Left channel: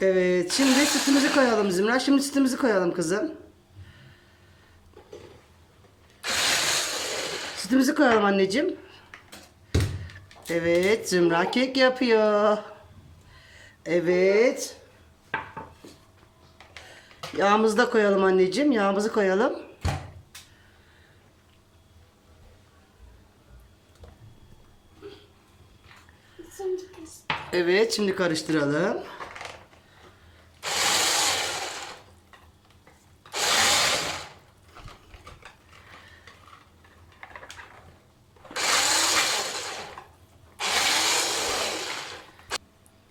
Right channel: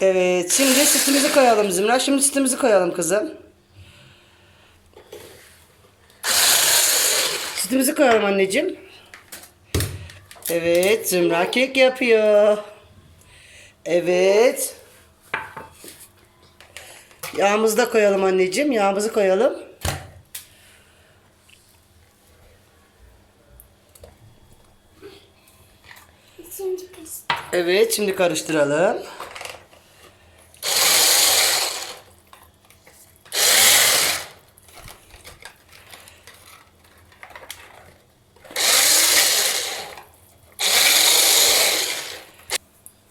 Evet şimdi sütümüzü koyalım Zümra. Şimdi sütümüzü koyalım kızım. Sütümüzü koyalım anneciğim. Evet Zümra kek yapıyor. Evet. Yağımızı da koyalım anneciğim. Yağımızı koyalım. Evet şimdi karıştıralım.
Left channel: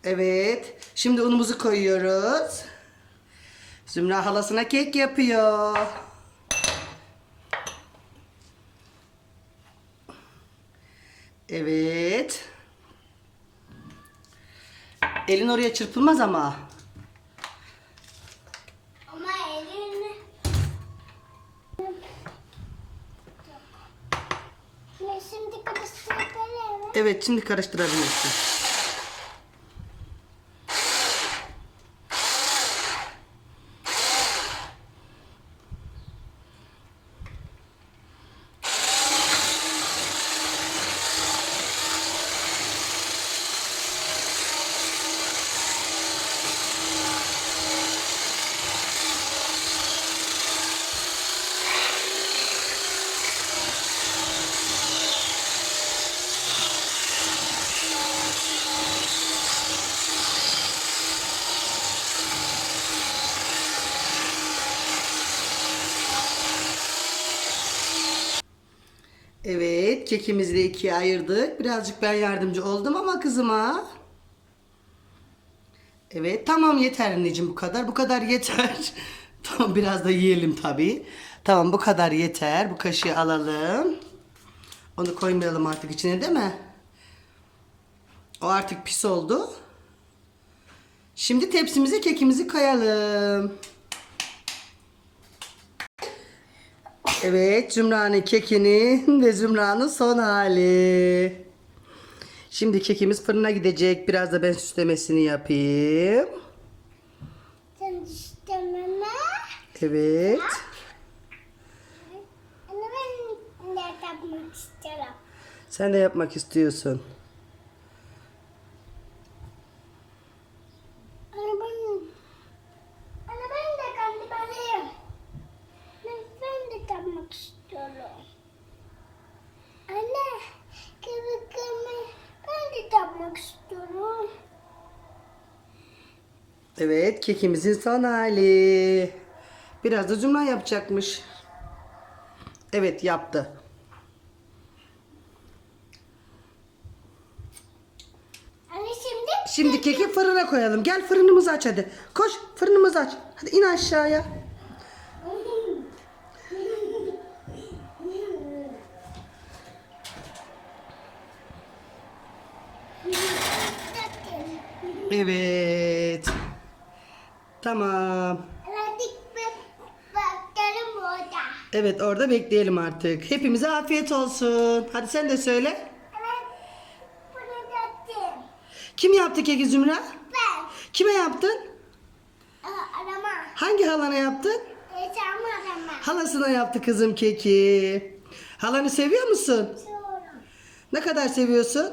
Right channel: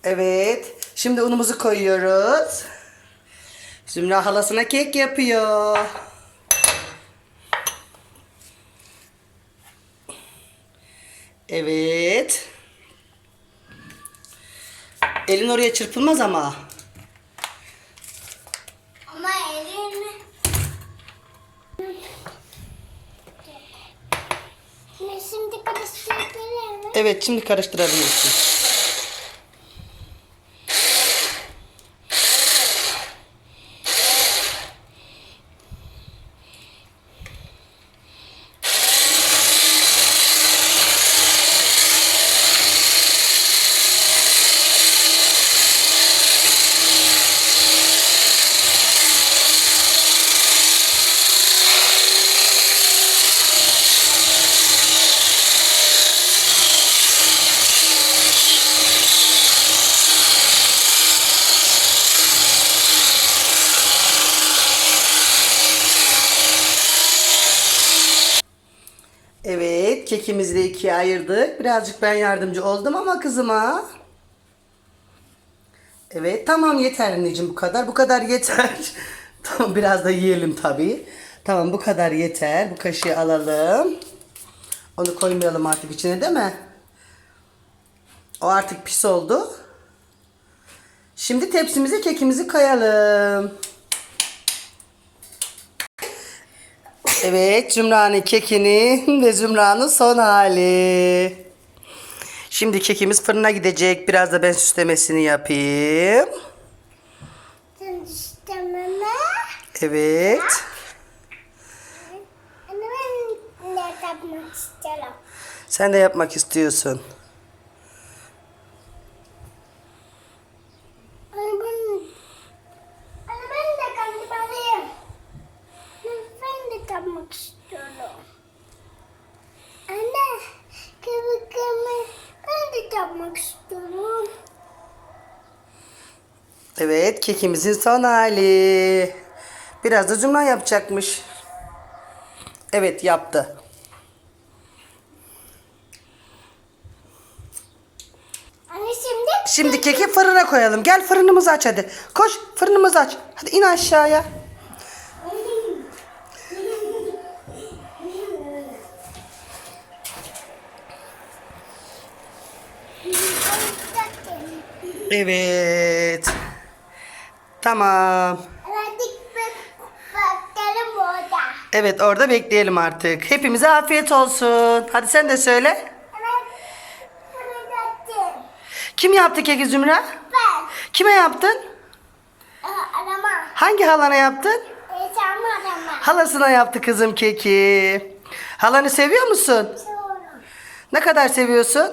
Evet. Şimdi unumuzu koyuyoruz. Zümra halasına kek yapıyor. Evet. Elin oraya çırpılmaz ama. Ama elini... Şimdi- karıştırabilir mi? Evet şimdi karıştırabilirsin. Evet kekimizi de ikiye ayırdık. Birazcık ben yardımcı oldum ama kızıma. Evet tamam yeter anneciğim bu kadar. Bu kadar yeter. tamam biraz da yiyelim tabii. Tamam bu kadar yeter. Bu kaşığı alalım. Onu koymayalım artık içine değil mi? O artık pis oldu. Şimdi tepsimize kekimizi koyalım. Evet Zümra'nın kekinin ve Zümra'nın son hali. Şimdi kekimiz fırına gidecek. Biraz da ben süslemesini yapayım. Sen istememe. Evet. Ben ne yapmak istiyorum? Sen de yapmak istiyorsun. Anne ben... Anne ben de kandibalıyım. Ben de yapmak istiyorum. Anne, kıvıkımı ben de yapmak istiyorum. Evet kekimizin son hali. Biraz da Zümra yapacakmış. Evet yaptı. Anne şimdi... Şimdi keki fırına koyalım. Gel fırınımızı aç hadi. Koş fırınımızı aç. Hadi in aşağıya. Evet. Tamam. Evet orada bekleyelim artık. Hepimize afiyet olsun. Hadi sen de söyle. Kim yaptı keki Zümra? Ben. Kime yaptın? Aa, Arama. Hangi halana yaptın? Yaşam arama. Halasına yaptı kızım keki. Halanı seviyor musun? Sonra. Ne kadar seviyorsun?